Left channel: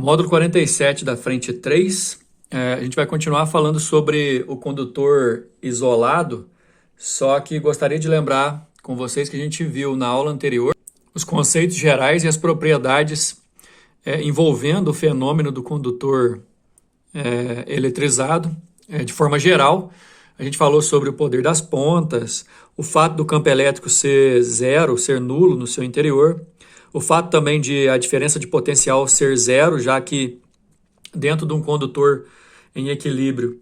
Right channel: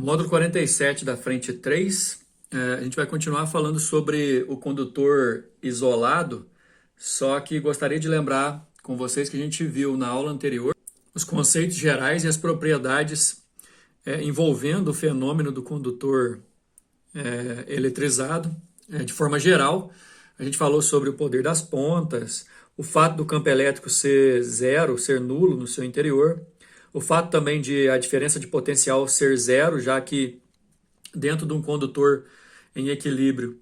Módulo 47 da frente 3, a gente vai continuar falando sobre o condutor isolado, só que gostaria de lembrar com vocês que a gente viu na aula anterior os conceitos gerais e as propriedades envolvendo o fenômeno do condutor eletrizado. De forma geral, a gente falou sobre o poder das pontas, o fato do campo elétrico ser zero, ser nulo no seu interior, o fato também de a diferença de potencial ser zero, já que dentro de um condutor em equilíbrio,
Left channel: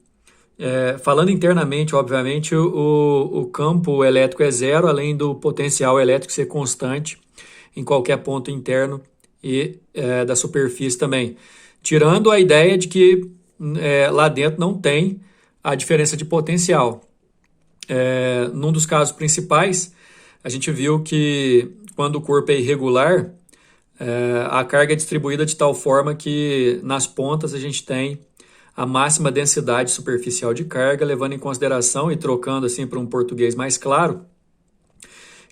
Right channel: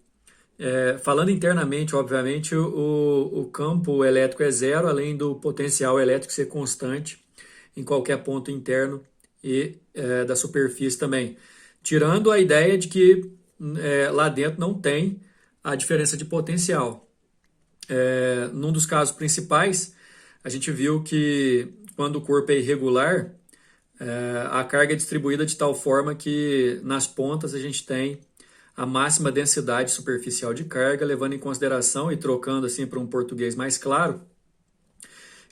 falando internamente, obviamente, o campo elétrico é zero, além do potencial elétrico ser constante em qualquer ponto interno e da superfície também. Tirando a ideia de que lá dentro não tem a diferença de potencial. Num dos casos principais, a gente viu que quando o corpo é irregular, a carga é distribuída de tal forma que nas pontas a gente tem a máxima densidade superficial de carga, levando em consideração e trocando assim para um português mais claro,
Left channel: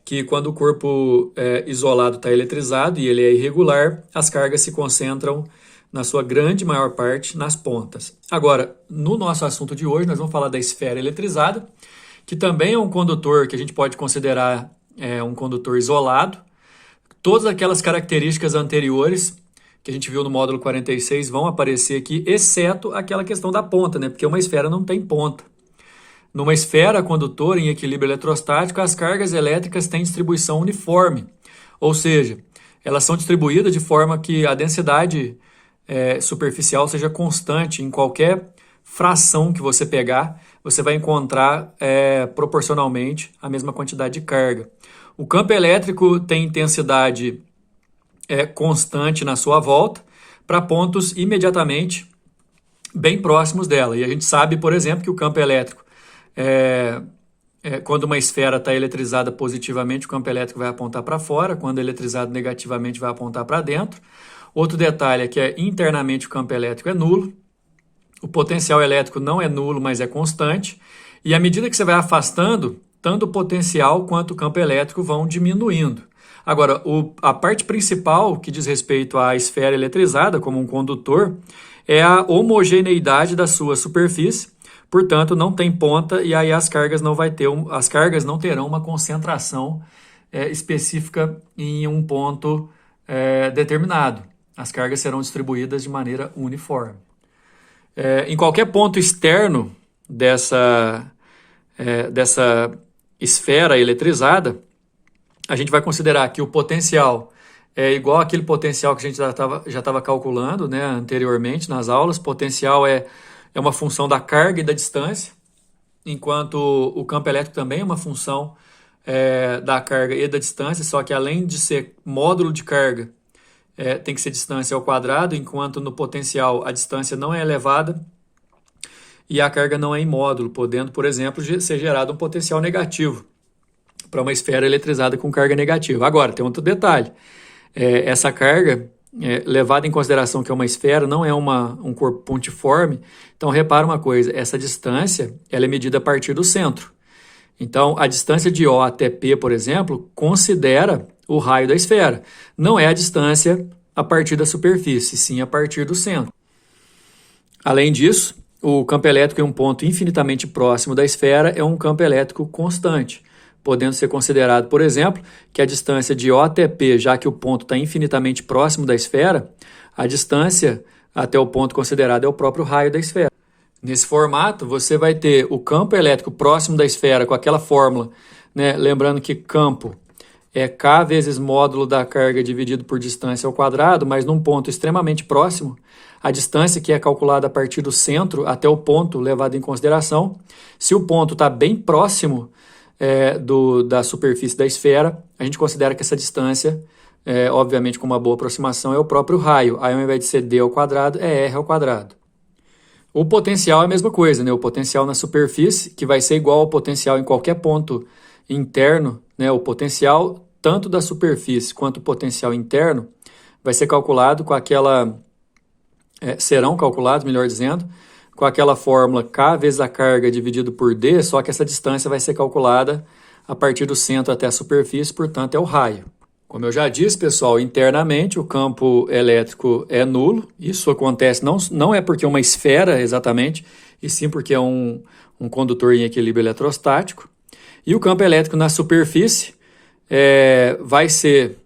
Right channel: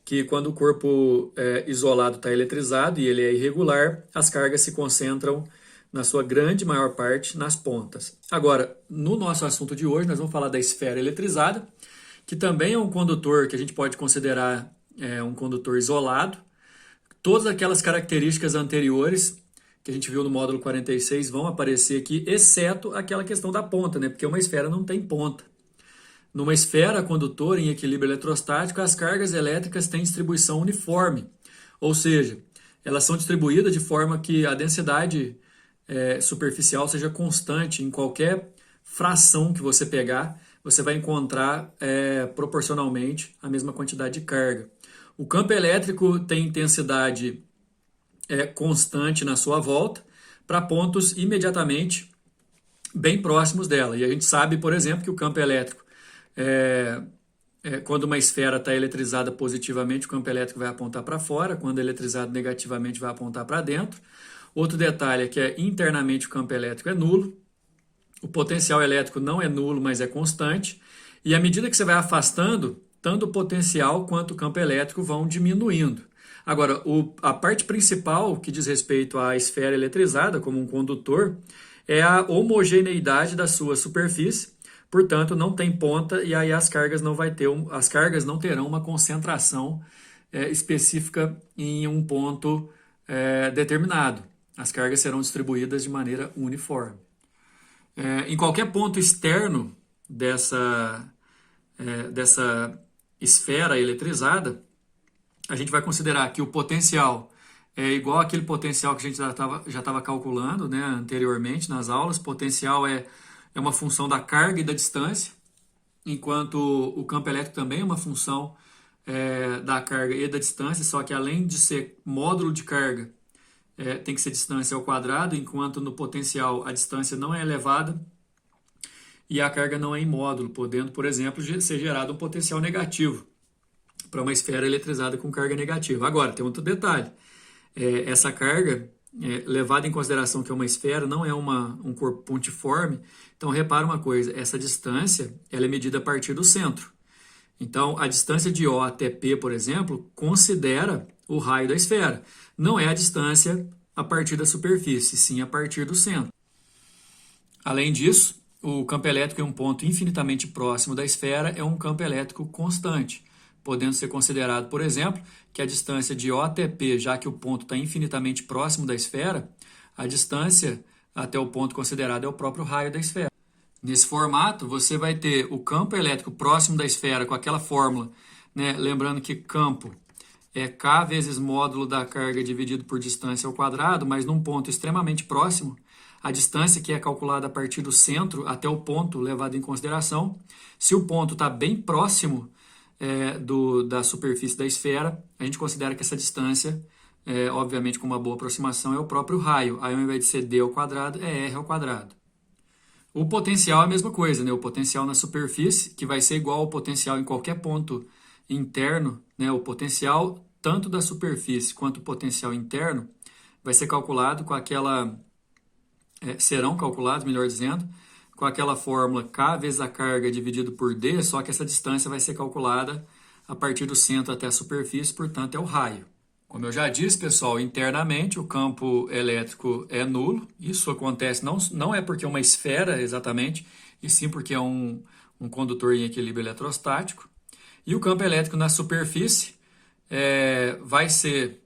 que quando o corpo isolado está eletrizado e ele é irregular, as cargas se concentram na sua grande maior parte nas pontas. Agora, no nosso assunto de hoje, nós vamos falar da esfera eletrizada, que também é um condutor que a gente pode considerar um condutor isolado. Todas aquelas características anteriores que a gente viu no módulo 46 vão aparecer aqui, exceto aquela questão da ponta, né? Porque uma esfera não tem ponta. Numa esfera condutora em equilíbrio eletrostático, as cargas elétricas têm distribuição uniforme, ou seja, elas são distribuídas de forma que a densidade superficial seja constante. Em qualquer fração que você pegar, você vai encontrar proporcionalmente a mesma quantidade de carga. O campo elétrico tem intensidade constante na sua volta para pontos imediatamente bem próximos dela. E a gente sabe, por exemplo, que o campo elétrico, quando uma esfera está eletrizada positivamente, o campo elétrico vai apontar para fora, quando eletrizado negativamente, vai apontar para dentro. Outro detalhe é que internamente o campo elétrico é nulo, o potencial elétrico não é nulo, mas é constante, e à medida que você vai afastando, tanto o potencial quanto o campo elétrico vão diminuindo. Agora, a parte principal que diz respeito à esfera eletrizada como um condutor é a homogeneidade da sua superfície, portanto, não tem ponta e aí as cargas não terão uma concentração específica em um ponto determinado. As cargas serão distribuídas de maneira uniforme. Em qualquer ponto externo dessa esfera eletrizada, a gente vai considerar que o potencial é igual àquele potencial que a gente já estava calculando, né, anteriormente nas aulas. Potencial é uma função da carga e da distância, enquanto o campo elétrico também é uma função da carga e da distância, só que além de ser módulo de carga, tem que ser distância ao quadrado, enquanto no potencial a distância não é elevada e a carga não é em módulo, podendo, por exemplo, ser gerado um potencial negativo para uma esfera eletrizada com carga negativa. Agora, tem outro detalhe. Essa carga, levada em consideração que é uma esfera, não é um corpo pontiforme. Então, repara uma coisa, essa distância ela é medida a partir do centro. Então, a distância de O até P, por exemplo, considera o raio da esfera. Não é a distância a partir da superfície, sim a partir do centro. Além disso, o campo elétrico em um ponto infinitamente próximo da esfera é um campo elétrico constante, podendo ser considerado, por exemplo, que a distância de O até P, já que o ponto está infinitamente próximo da esfera, a distância até o ponto considerado é o próprio raio da esfera. Nesse formato, você vai ter o campo elétrico próximo da esfera com aquela fórmula, né? Lembrando que campo é K vezes módulo da carga dividido por distância ao quadrado, mas num ponto extremamente próximo, a distância que é calculada a partir do centro até o ponto levado em consideração. Se o ponto está bem próximo da superfície da esfera, a gente considera que essa distância, obviamente com uma boa aproximação, é o próprio raio. Aí ao invés de ser d ao quadrado, é r ao quadrado. O potencial é a mesma coisa, né? O potencial na superfície, que vai ser igual ao potencial em qualquer ponto interno, né? O potencial tanto da superfície quanto o potencial interno vai ser calculado com aquela... serão calculados, melhor dizendo, com aquela fórmula K vezes a carga dividido por D, só que essa distância vai ser calculada a partir do centro até a superfície, portanto é o raio. Como eu já disse, pessoal, internamente o campo elétrico é nulo. Isso acontece não é porque é uma esfera exatamente, e sim porque é um condutor em equilíbrio eletrostático. E o campo elétrico na superfície vai ser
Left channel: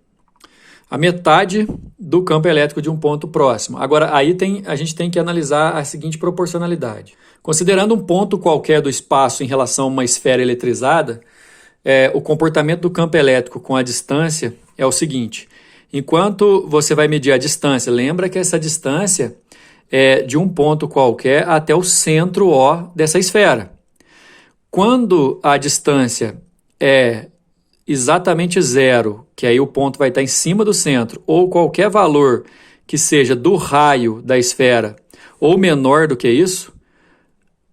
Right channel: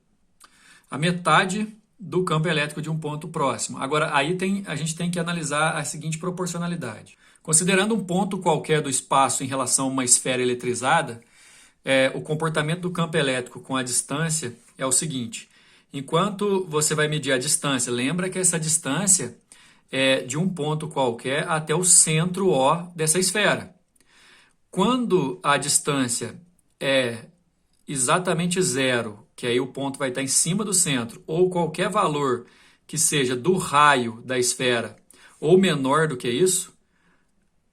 a metade do campo elétrico de um ponto próximo. Agora, a gente tem que analisar a seguinte proporcionalidade. Considerando um ponto qualquer do espaço em relação a uma esfera eletrizada, o comportamento do campo elétrico com a distância é o seguinte: enquanto você vai medir a distância, lembra que essa distância é de um ponto qualquer até o centro O dessa esfera. Quando a distância é exatamente zero, que aí o ponto vai estar em cima do centro, ou qualquer valor que seja do raio da esfera ou menor do que isso,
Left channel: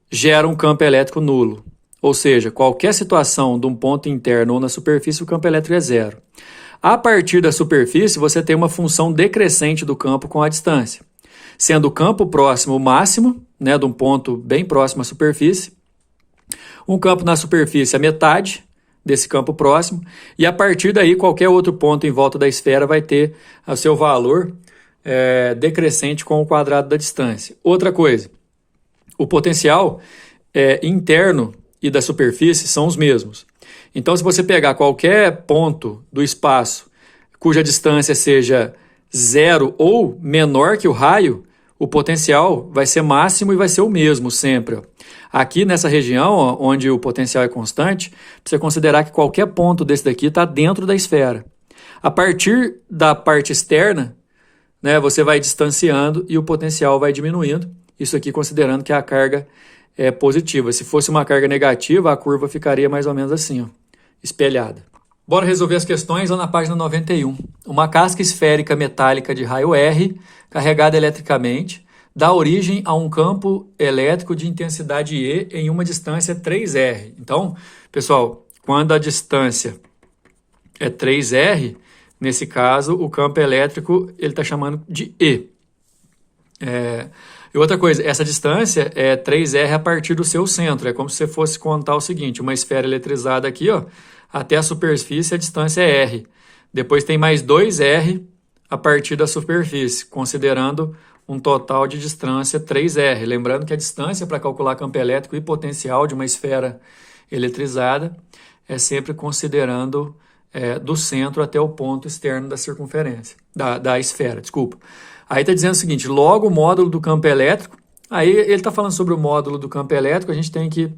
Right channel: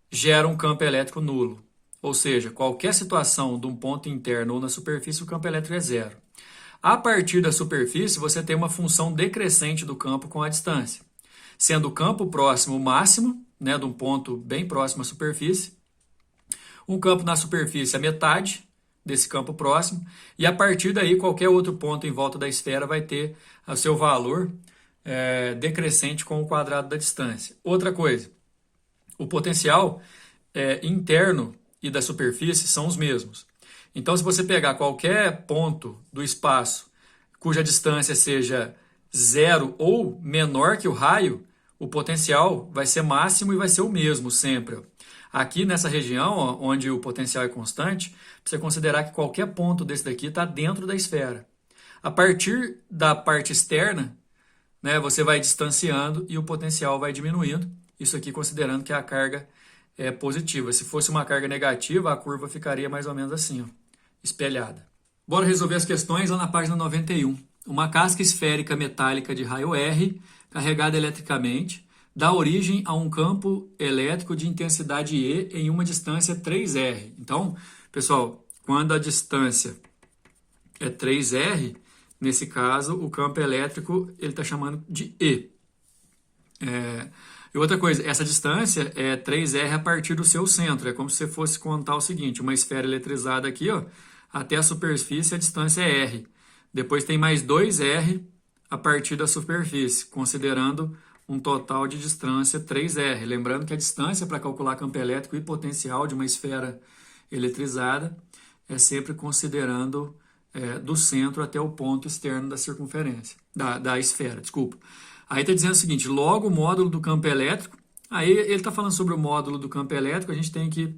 gera um campo elétrico nulo. Ou seja, qualquer situação de um ponto interno ou na superfície, o campo elétrico é zero. A partir da superfície, você tem uma função decrescente do campo com a distância, sendo o campo próximo o máximo, né, de um ponto bem próximo à superfície, um campo na superfície a metade desse campo próximo, e a partir daí qualquer outro ponto em volta da esfera vai ter o seu valor decrescente com o quadrado da distância. Outra coisa, o potencial interno e da superfície são os mesmos. Então, se você pegar qualquer ponto do espaço cuja distância seja zero ou menor que o raio, o potencial vai ser máximo e vai ser o mesmo sempre. Aqui nessa região, onde o potencial é constante, você considerar que qualquer ponto desse daqui está dentro da esfera. A partir da parte externa, né, você vai distanciando e o potencial vai diminuindo. Isso aqui considerando que a carga é positiva. Se fosse uma carga negativa, a curva ficaria mais ou menos assim, ó, espelhada. Bora resolver as questões lá na página 91. Uma casca esférica metálica de raio R, carregada eletricamente, dá origem a um campo elétrico de intensidade E em uma distância 3R. Então, pessoal, quando a distância é 3R, nesse caso, o campo elétrico ele está chamando de E. E outra coisa, essa distância é 3R a partir do seu centro. É como se você fosse contar o seguinte, uma esfera eletrizada aqui, ó, até a superfície a distância é R. Depois tem mais 2R a partir da superfície, considerando um total de distância 3R. Lembrando que a distância para calcular campo elétrico e potencial de uma esfera eletrizada é sempre considerando do centro até o ponto externo da circunferência, da esfera, desculpa. Aí está dizendo o seguinte, logo o módulo do campo elétrico, aí ele está falando sobre o módulo do campo elétrico, a gente tem que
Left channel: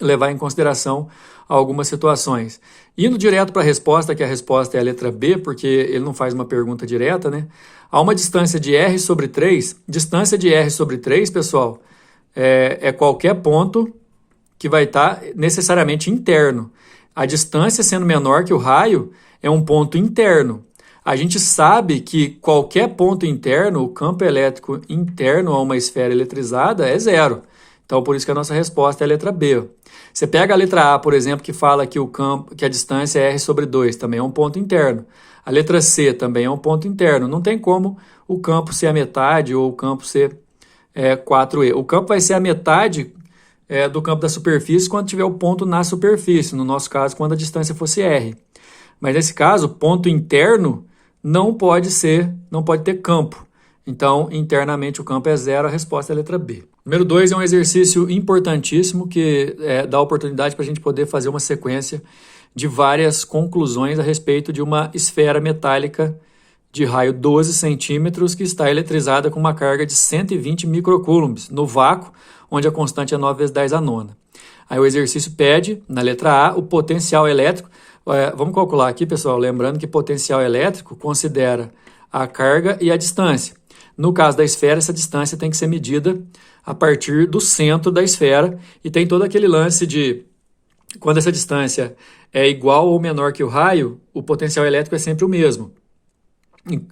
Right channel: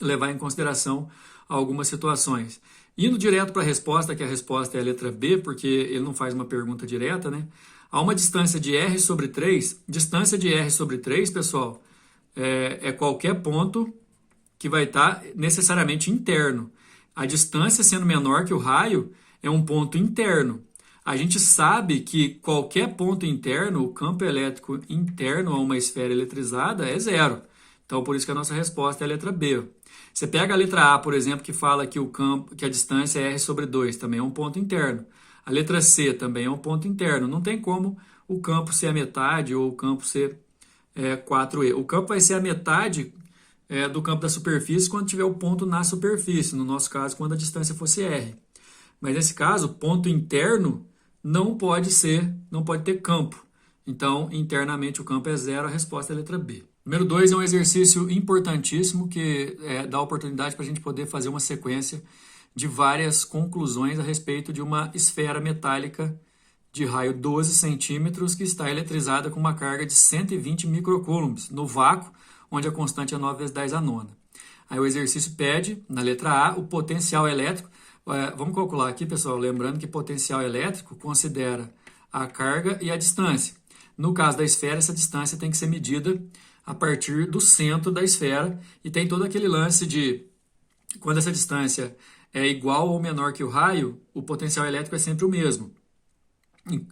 levar em consideração algumas situações. Indo direto para a resposta, que a resposta é a letra B, porque ele não faz uma pergunta direta, né? Há uma distância de R sobre 3, distância de R sobre 3, pessoal, é qualquer ponto que vai estar necessariamente interno. A distância sendo menor que o raio é um ponto interno. A gente sabe que qualquer ponto interno, o campo elétrico interno a uma esfera eletrizada é zero. Então, por isso que a nossa resposta é a letra B. Você pega a letra A, por exemplo, que fala que a distância é R sobre 2, também é um ponto interno. A letra C também é um ponto interno. Não tem como o campo ser a metade ou o campo ser 4E. O campo vai ser a metade do campo da superfície quando tiver o ponto na superfície. No nosso caso, quando a distância fosse R. Mas nesse caso, ponto interno não pode ter campo. Então, internamente o campo é zero, a resposta é a letra B. Número 2 é um exercício importantíssimo que dá oportunidade para a gente poder fazer uma sequência de várias conclusões a respeito de uma esfera metálica de raio 12 centímetros que está eletrizada com uma carga de 120 microcoulombs no vácuo, onde a constante é 9 vezes 10 a nona. Aí o exercício pede, na letra A, o potencial elétrico. Vamos calcular aqui, pessoal, lembrando que potencial elétrico considera a carga e a distância. No caso da esfera, essa distância tem que ser medida a partir do centro da esfera e tem todo aquele lance de quando essa distância é igual ou menor que o raio, o potencial elétrico é sempre o mesmo.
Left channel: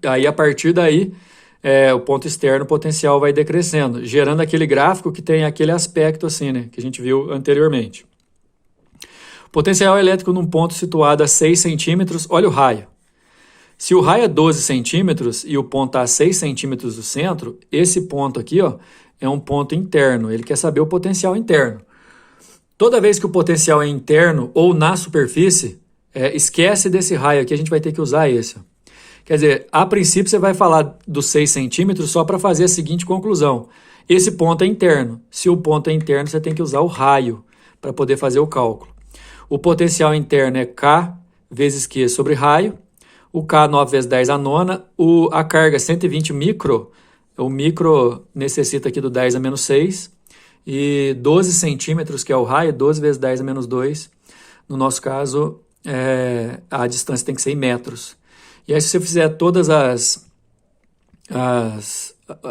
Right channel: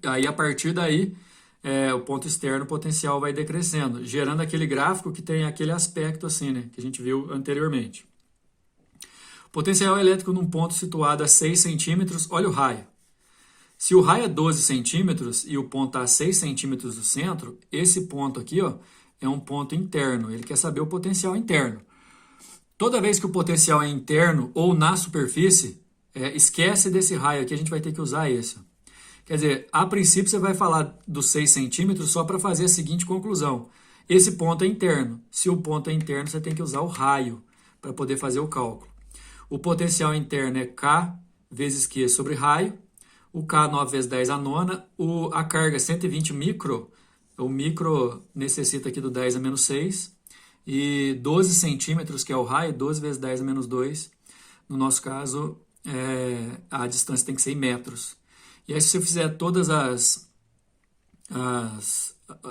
Aí, a partir daí, o ponto externo, o potencial vai decrescendo, gerando aquele gráfico que tem aquele aspecto assim, né, que a gente viu anteriormente. Potencial elétrico num ponto situado a 6 centímetros, olha o raio. Se o raio é 12 centímetros e o ponto está a 6 centímetros do centro, esse ponto aqui, ó, é um ponto interno. Ele quer saber o potencial interno. Toda vez que o potencial é interno ou na superfície, esquece desse raio aqui, a gente vai ter que usar esse. Quer dizer, a princípio você vai falar dos 6 centímetros só para fazer a seguinte conclusão. Esse ponto é interno. Se o ponto é interno, você tem que usar o raio para poder fazer o cálculo. O potencial interno é K vezes Q sobre raio. O K 9 vezes 10 a nona. A carga 120 micro. O micro necessita aqui do 10 a menos 6. E 12 centímetros, que é o raio, 12 vezes 10 a menos 2. No nosso caso, a distância tem que ser em metros. E aí, se você fizer todas as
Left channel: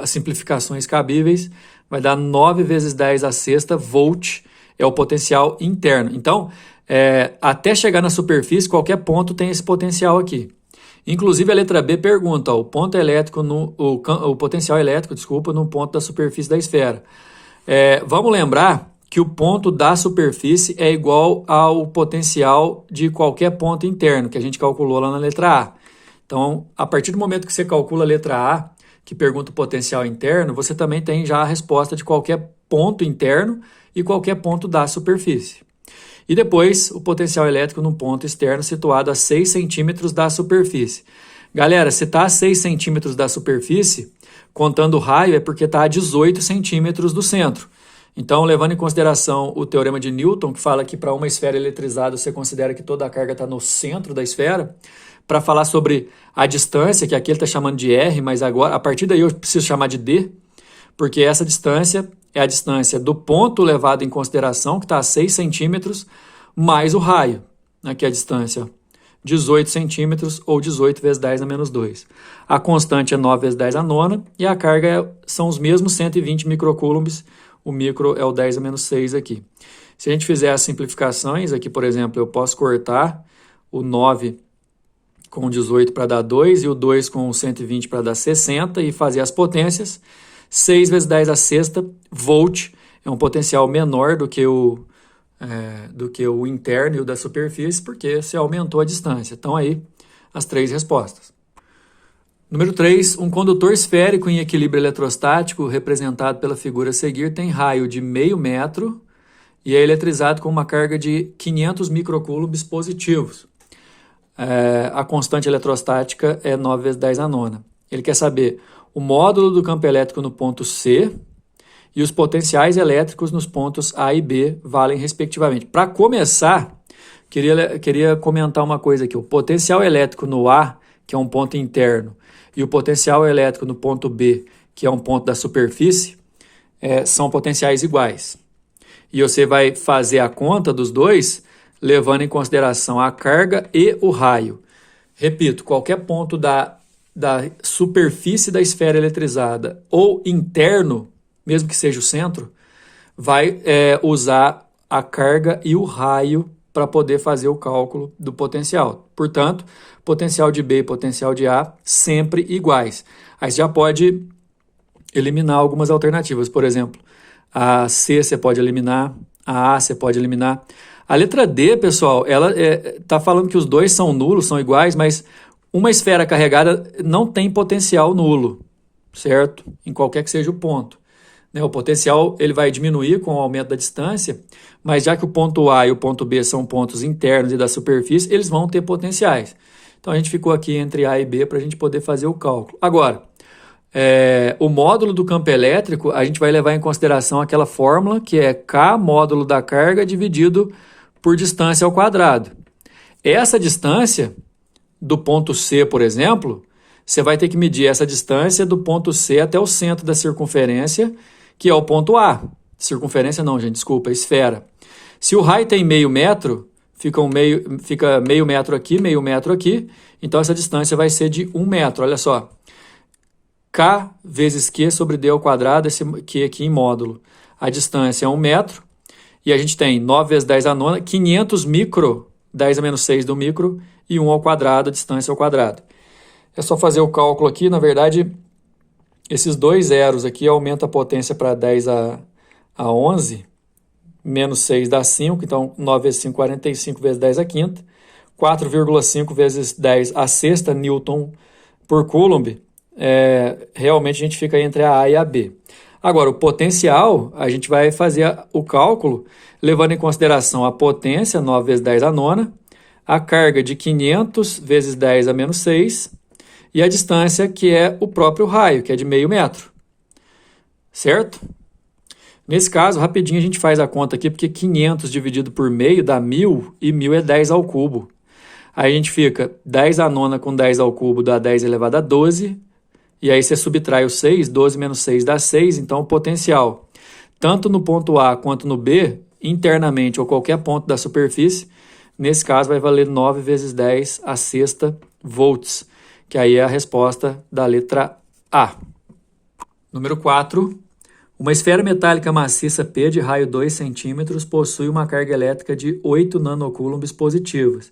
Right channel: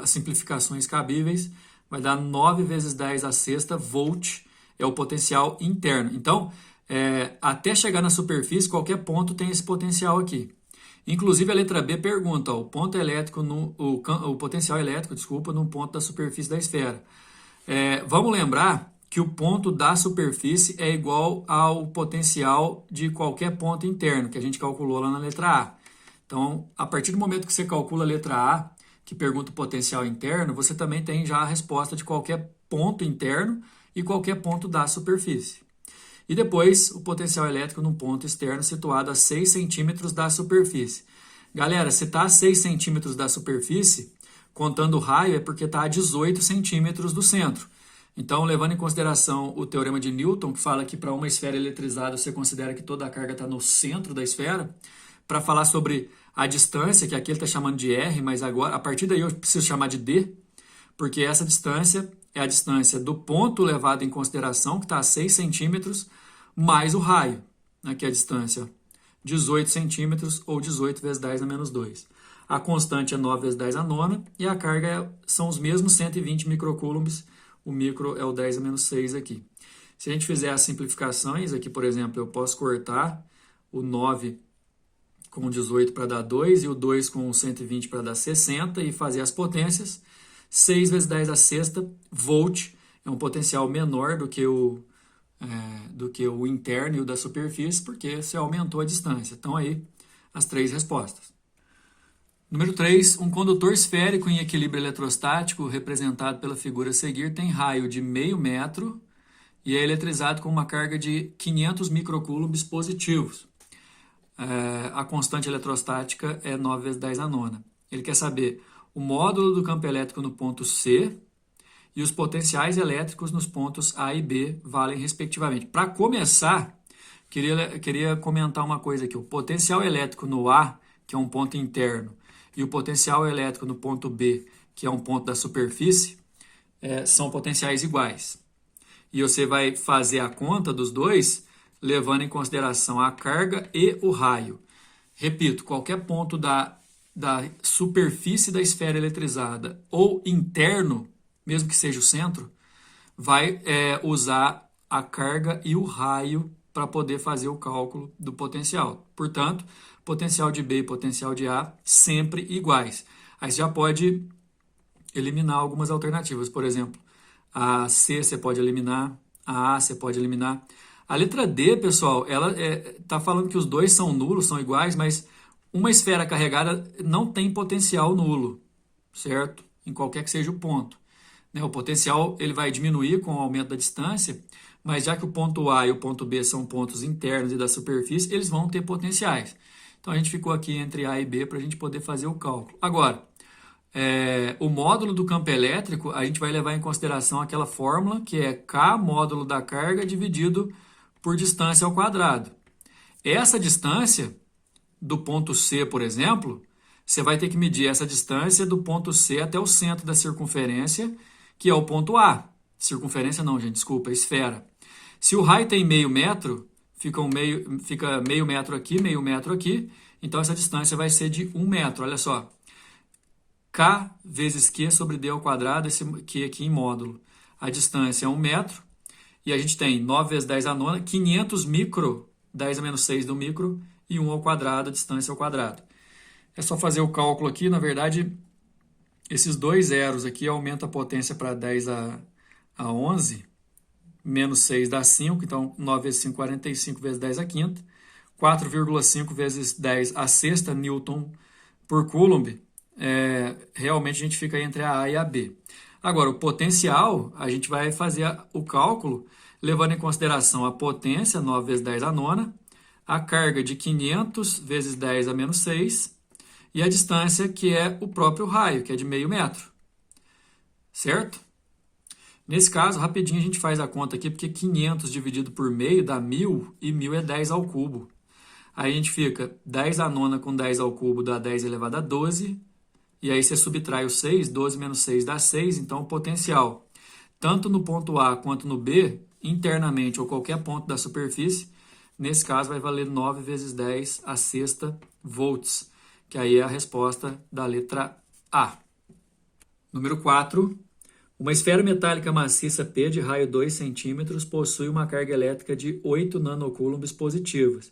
simplificações cabíveis, vai dar 9 vezes 10 a sexta volt, é o potencial interno. Então, até chegar na superfície, qualquer ponto tem esse potencial aqui. Inclusive, a letra B pergunta, o potencial elétrico, desculpa, no ponto da superfície da esfera. Vamos lembrar que o ponto da superfície é igual ao potencial de qualquer ponto interno, que a gente calculou lá na letra A. Então, a partir do momento que você calcula a letra A, que pergunta o potencial interno, você também tem já a resposta de qualquer ponto interno e qualquer ponto da superfície. E depois, o potencial elétrico num ponto externo situado a 6 centímetros da superfície. Galera, se está a 6 centímetros da superfície, contando o raio, é porque está a 18 centímetros do centro. Então, levando em consideração o teorema de Newton, que fala que para uma esfera eletrizada você considera que toda a carga está no centro da esfera, para falar sobre a distância, que aqui ele está chamando de R, mas agora, a partir daí eu preciso chamar de D, porque essa distância é a distância do ponto levado em consideração, que está a 6 centímetros, mais o raio, aqui a distância, 18 centímetros ou 18 vezes 10 a menos 2. A constante é 9 vezes 10 a nona e a carga são os mesmos 120 microcoulombs, o micro é o 10 a menos 6 aqui. Se a gente fizer as simplificações, aqui, por exemplo, eu posso cortar o 9 com 18 para dar 2 e o 2 com 120 para dar 60 e fazer as potências. 6 vezes 10 a sexta volt é um potencial menor do que o interno e o da superfície, porque você aumentou a distância. Então, aí, as 3 respostas. Número 3, um condutor esférico em equilíbrio eletrostático, representado pela figura a seguir, tem raio de meio metro e é eletrizado com uma carga de 500 microcoulombs positivos. A constante eletrostática é 9 vezes 10 a nona. Ele quer saber o módulo do campo elétrico no ponto C e os potenciais elétricos nos pontos A e B valem respectivamente. Para começar, queria comentar uma coisa aqui. O potencial elétrico no A, que é um ponto interno, e o potencial elétrico no ponto B, que é um ponto da superfície, são potenciais iguais. E você vai fazer a conta dos dois, levando em consideração a carga e o raio. Repito, qualquer ponto da superfície da esfera eletrizada ou interno, mesmo que seja o centro, vai usar a carga e o raio para poder fazer o cálculo do potencial. Portanto, potencial de B e potencial de A sempre iguais. Aí você já pode eliminar algumas alternativas. Por exemplo, a C você pode eliminar, a você pode eliminar. A letra D, pessoal, ela está falando que os dois são nulos, são iguais, mas uma esfera carregada não tem potencial nulo, certo? Em qualquer que seja o ponto. O potencial ele vai diminuir com o aumento da distância, mas já que o ponto A e o ponto B são pontos internos e da superfície, eles vão ter potenciais. Então, a gente ficou aqui entre A e B para a gente poder fazer o cálculo. Agora, o módulo do campo elétrico, a gente vai levar em consideração aquela fórmula que é K módulo da carga dividido por distância ao quadrado. Essa distância do ponto C, por exemplo, você vai ter que medir essa distância do ponto C até o centro da circunferência, que é o ponto A. Circunferência não, gente, desculpa, esfera. Se o raio tem meio metro, fica meio metro aqui, então essa distância vai ser de 1 metro, olha só. K vezes Q sobre D ao quadrado, esse Q aqui em módulo. A distância é 1 metro, e a gente tem 9 vezes 10 a nona, 500 micro, 10 a menos 6 do micro, e 1 ao quadrado, a distância ao quadrado. É só fazer o cálculo aqui, na verdade, esses dois zeros aqui aumentam a potência para 10 a 11, menos 6 dá 5, então 9 vezes 5, 45 vezes 10 a quinta, 4,5 vezes 10 a sexta Newton por Coulomb, realmente a gente fica entre a A e a B. Agora, o potencial, a gente vai fazer o cálculo levando em consideração a potência, 9 vezes 10 a nona, a carga de 500 vezes 10 a menos 6 e a distância que é o próprio raio, que é de meio metro, certo? Nesse caso, rapidinho a gente faz a conta aqui, porque 500 dividido por meio dá 1.000 e 1.000 é 10 ao cubo. Aí a gente fica 10 a nona com 10 ao cubo dá 10 elevado a 12, e aí você subtrai o 6, 12 menos 6 dá 6, então o potencial, tanto no ponto A quanto no B, internamente ou qualquer ponto da superfície, nesse caso vai valer 9 vezes 10 a sexta volts, que aí é a resposta da letra A. Número 4. Uma esfera metálica maciça P de raio 2 centímetros possui uma carga elétrica de 8 nanocoulombs positivas.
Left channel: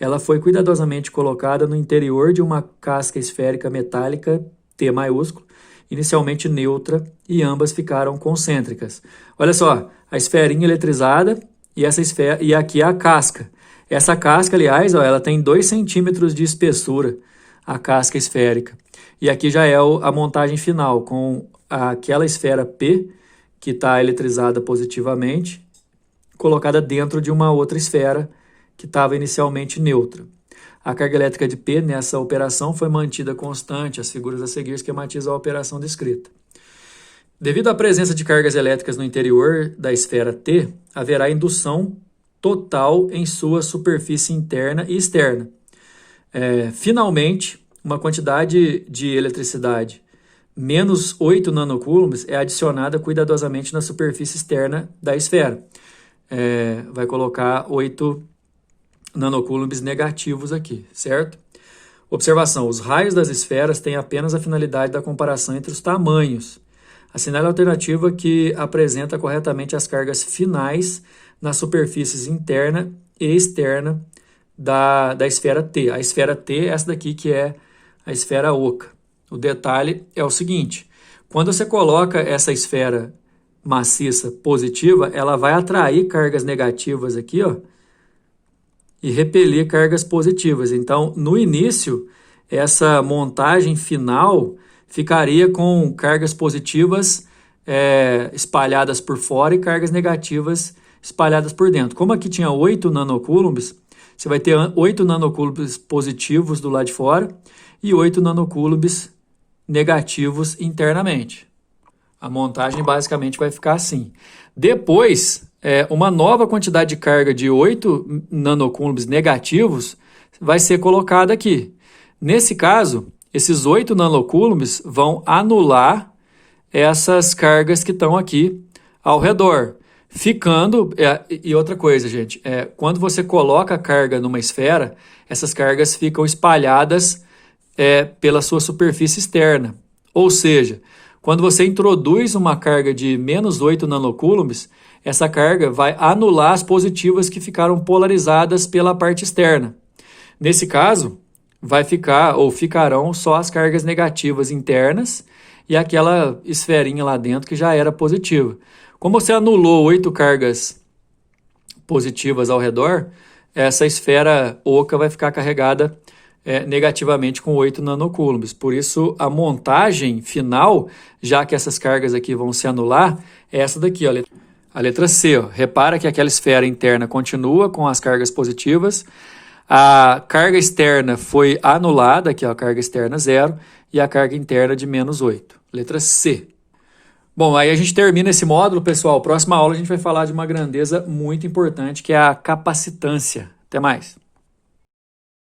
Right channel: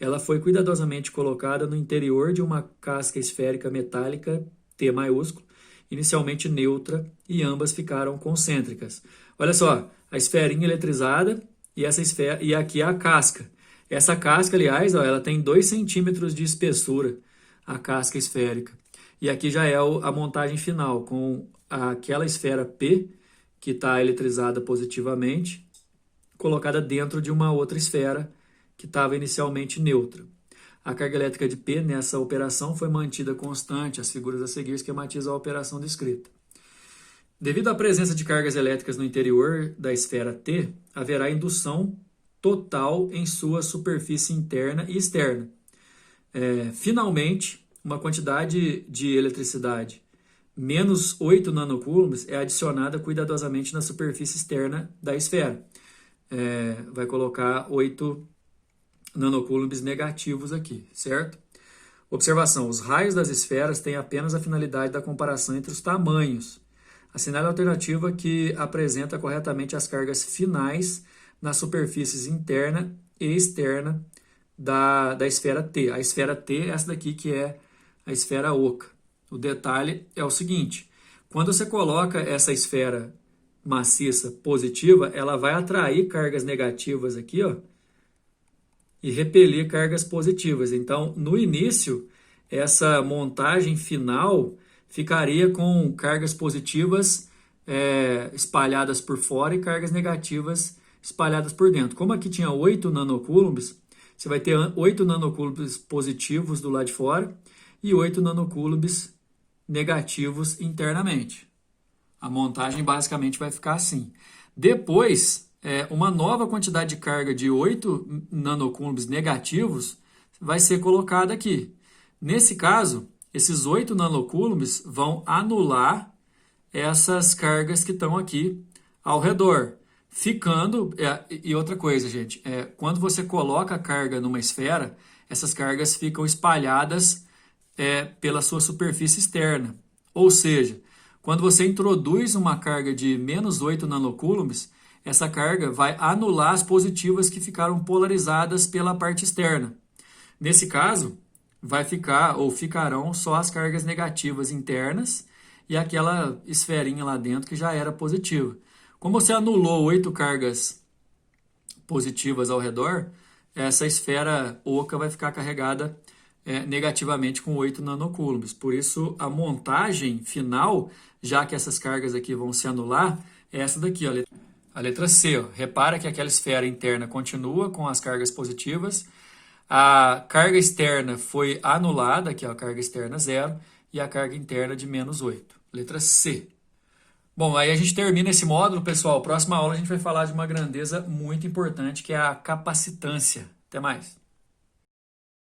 Ela foi cuidadosamente colocada no interior de uma casca esférica metálica T maiúsculo, inicialmente neutra, e ambas ficaram concêntricas. Olha só, a esferinha eletrizada e essa esfera, e aqui é a casca. Essa casca, aliás, ó, ela tem 2 centímetros de espessura, a casca esférica. E aqui já é a montagem final, com aquela esfera P, que está eletrizada positivamente, colocada dentro de uma outra esfera que estava inicialmente neutra. A carga elétrica de P nessa operação foi mantida constante. As figuras a seguir esquematizam a operação descrita. Devido à presença de cargas elétricas no interior da esfera T, haverá indução total em sua superfície interna e externa. Finalmente, uma quantidade de eletricidade menos 8 nanocoulombs é adicionada cuidadosamente na superfície externa da esfera. Vai colocar 8 nanocoulombs negativos aqui, certo? Observação: os raios das esferas têm apenas a finalidade da comparação entre os tamanhos. Assinale a alternativa que apresenta corretamente as cargas finais nas superfícies interna e externa da esfera T. A esfera T é essa daqui que é a esfera oca. O detalhe é o seguinte: quando você coloca essa esfera maciça positiva, ela vai atrair cargas negativas aqui, ó, e repelir cargas positivas. Então, no início, essa montagem final ficaria com cargas positivas espalhadas por fora e cargas negativas espalhadas por dentro. Como aqui tinha 8 nanocoulombs, você vai ter 8 nanocoulombs positivos do lado de fora e 8 nanocoulombs negativos internamente. A montagem basicamente vai ficar assim. Depois, uma nova quantidade de carga de 8 nanocoulombs negativos vai ser colocada aqui. Nesse caso, esses 8 nanocoulombs vão anular essas cargas que estão aqui ao redor. Ficando, e outra coisa, gente, quando você coloca a carga numa esfera, essas cargas ficam espalhadas pela sua superfície externa. Ou seja, quando você introduz uma carga de menos 8 nanocoulombs, essa carga vai anular as positivas que ficaram polarizadas pela parte externa. Nesse caso, vai ficar ou ficarão só as cargas negativas internas e aquela esferinha lá dentro que já era positiva. Como você anulou 8 cargas positivas ao redor, essa esfera oca vai ficar carregada negativamente com 8 nanocoulombs. Por isso, a montagem final, já que essas cargas aqui vão se anular, é essa daqui, ó, a letra C. Ó. Repara que aquela esfera interna continua com as cargas positivas, a carga externa foi anulada, aqui ó, a carga externa 0, e a carga interna de menos 8. Letra C. Bom, aí a gente termina esse módulo, pessoal. Próxima aula a gente vai falar de uma grandeza muito importante, que é a capacitância. Até mais.